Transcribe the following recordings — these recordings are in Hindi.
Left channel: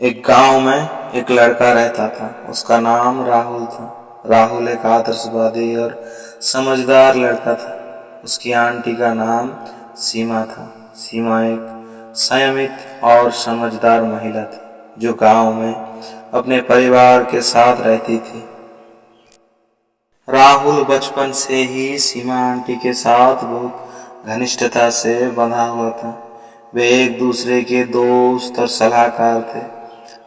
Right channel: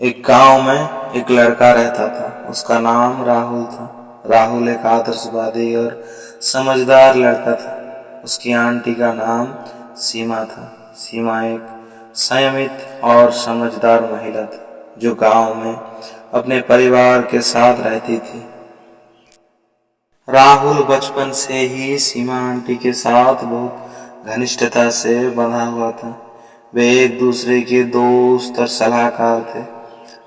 एक गांव में एक लड़का रहता था। उसका नाम राहुल था। राहुल एक आदर्शवादी और समझदार लड़का था। उसकी आंटी का नाम सीमा था। सीमा एक संयमित और समझदार महिला थी जो गांव में अपने परिवार के साथ रहती थी। राहुल बचपन से ही सीमा आंटी के साथ बहुत घनिष्ठता से बंधा हुआ था। वे एक दूसरे के दोस्त और सलाहकार थे।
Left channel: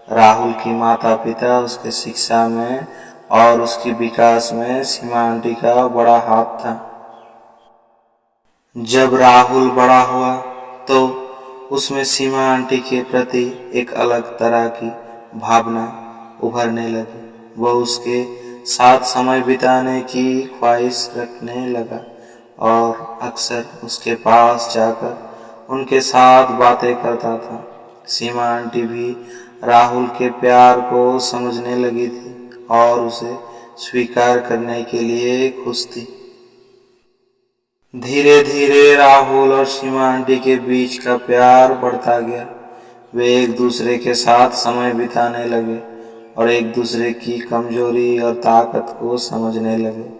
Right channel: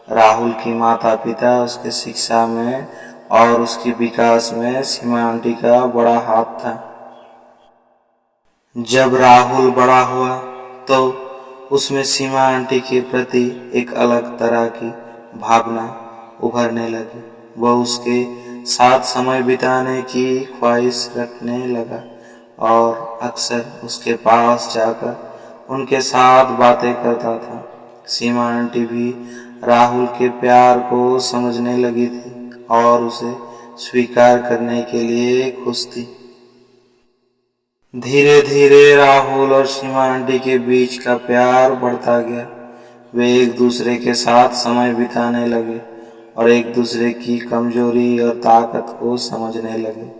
राहुल की माता पिता उसके शिक्षा में और उसकी विकास में सीमा आंटी का बड़ा हाथ था। जब राहुल बड़ा हुआ तो उसमें सीमा आंटी के प्रति एक अलग तरह की भावना उभरने लगी। वह उसके साथ समय बिताने की ख्वाहिश रखने लगा और अक्सर उसके पास जाकर उनके साथ बातें करता था। सीमा आंटी भी राहुल के प्यार को समझने लगी थी और उसे स्वीकार करने के लिए खुश थी। धीरे धीरे राहुल और सीमा आंटी के बीच का प्यार बढ़ता गया। वे एक दूसरे के साथ समय बिताने लगे और एक दूसरे की कमजोरी और ताकत को समझने लगे।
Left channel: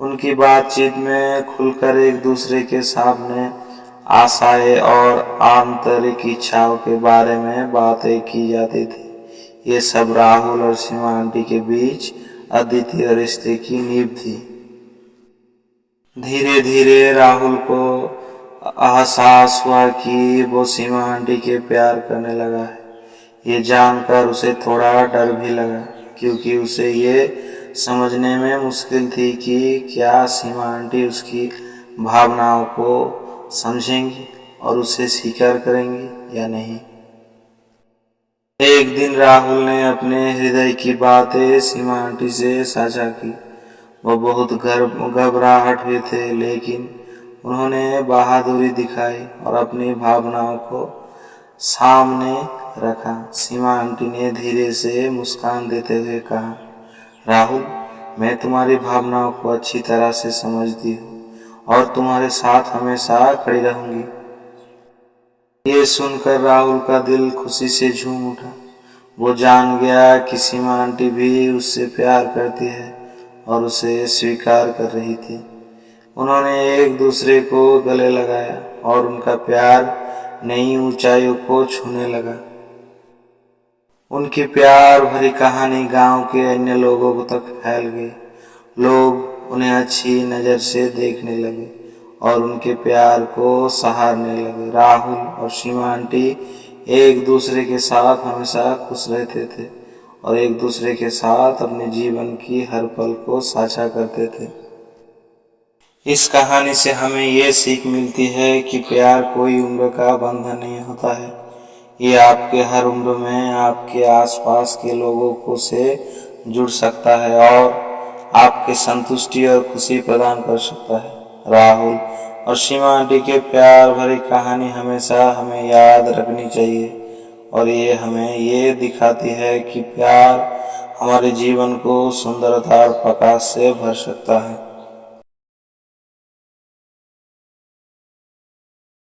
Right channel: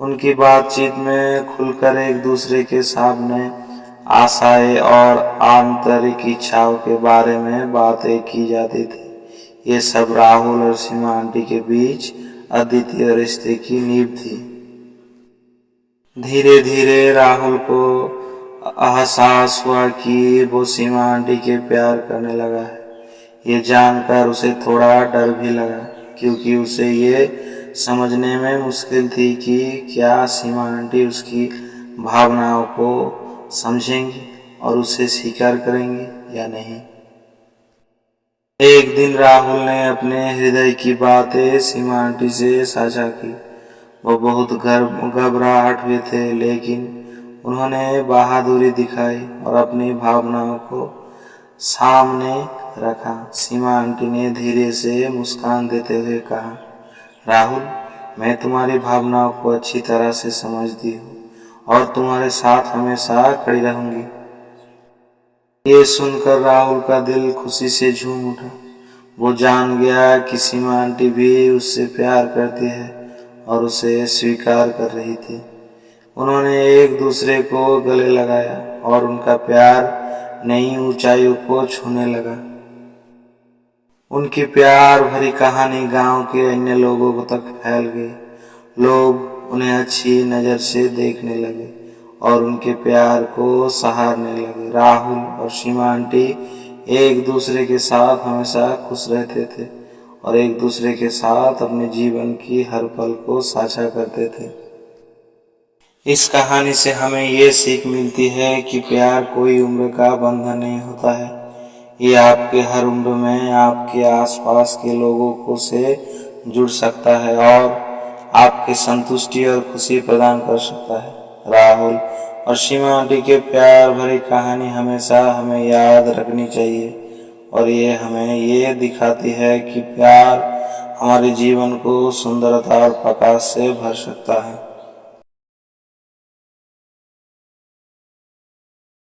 उनकी बातचीत में खुलकर एक दूसरे के सामने आशाएं और आंतरिक इच्छाओं के बारे में बातें की जाती थी। ये सब राहुल और सीमा आंटी के बीच अद्वितीय रिश्ते की नींव थी। धीरे धीरे राहुल को एहसास हुआ कि वो सीमा आंटी के प्यार करने लगा है। ये जानकर उसे थोड़ा डर भी लगा, क्योंकि उसे ये समझने में मुश्किल थी कि क्या सीमा आंटी उसकी भावनाओं को समझेंगी और उसे स्वीकार करेंगी या नहीं। एक दिन राहुल ने अपने हृदय की बातें सीमा आंटी से साझा की। वो बहुत घबराहट हुए थे, लेकिन उन्होंने बहादुरी दिखाई और अपनी भावनाओं को सामने रखा। सीमा आंटी ने धीरे से मुस्कान देते हुए कहा, राहुल, मैं तुम्हारी भावनाओं को अच्छी तरह से समझती हूँ और तुम्हारे साथ हमेशा खड़ी रहूंगी। ये सुनकर राहुल का दिल खुशी से झूम उठा। वो जान गया कि सीमा आंटी भी उससे प्यार करती है और उसे स्वीकार कर रही थी। उन्होंने एक दूसरे को गले लगाया और उनका प्यार नई ऊंचाइयों को छूने लगा। उनकी प्यार भरी कहानी गांव के अन्य लोगों तक फैल गई। लोग उन्हें अच्छी नज़र से देखने लगे और उनके प्यार को सराहने लगे। राहुल और सीमा आंटी एक दूसरे के साथ हमेशा खुश रहते थे और एक दूसरे के साथ अपने जीवन की हर पल को साझा करते थे। इस कहानी से हमें ये सीख मिलती है कि प्यार कोई उम्र का बंधन नहीं होता है। ये आपके हर उम्र में आपके आसपास के लोगों को से जुड़ सकता है और आपके संतुष्टि और खुशी प्रदान कर सकता है। राहुल और सीमा आंटी के प्यार भरी कहानी हमेशा हमें याद रखनी चाहिए और ये हमें ये दिखाती है कि प्यार हमारे जीवन को सुंदरता और प्रकाश से भर सकता है।